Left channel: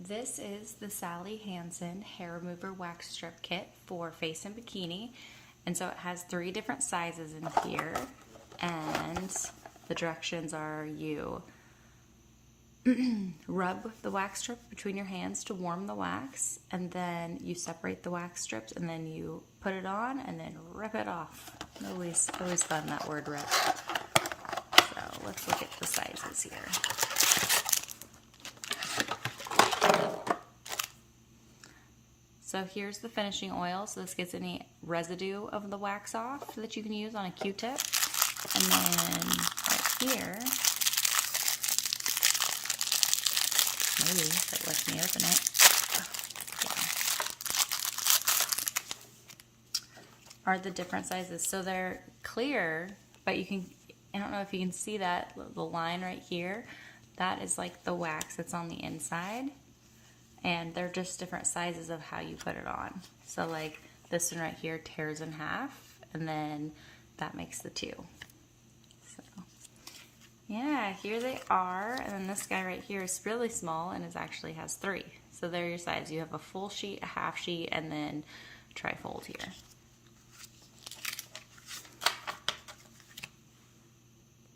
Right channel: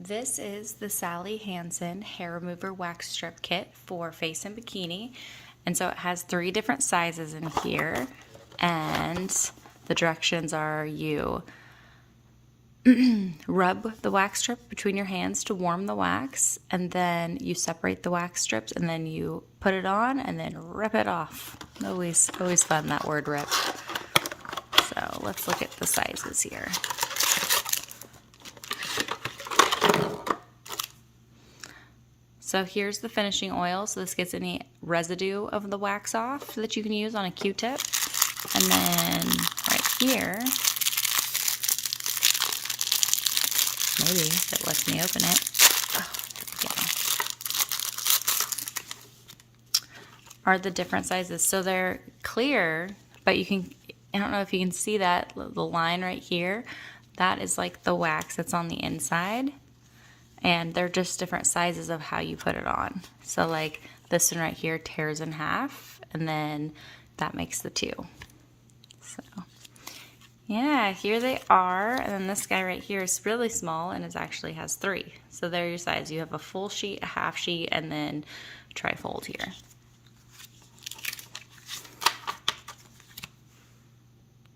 This is the Sally Hansen Hair Remover Wax Strip Kit for face and bikini. And so it has 3 different sizes in here. And the directions are you rub the wax strip between your hands to warm the wax. And then you separate the wax strips and then you put it on and then rip it off. Always fun, that word rip. So let's look at the sizes here. So here's the finishing oil, so this gets any residue of the wax off that you can use on a Q-tip. And then right here, maybe if it lets me open it, are the different sizes. So they're clear, but you can, I don't know if you can see that, the line right here, that is like the wax that's on the inside. And they're just different sizes of how you put it on. So like this one right here tears in half, and then that makes the 2. So yeah, here they are. And then this guy right here is really small and it actually has 3. So they're your size. You have a full sheet, a half sheet, and then trifold here.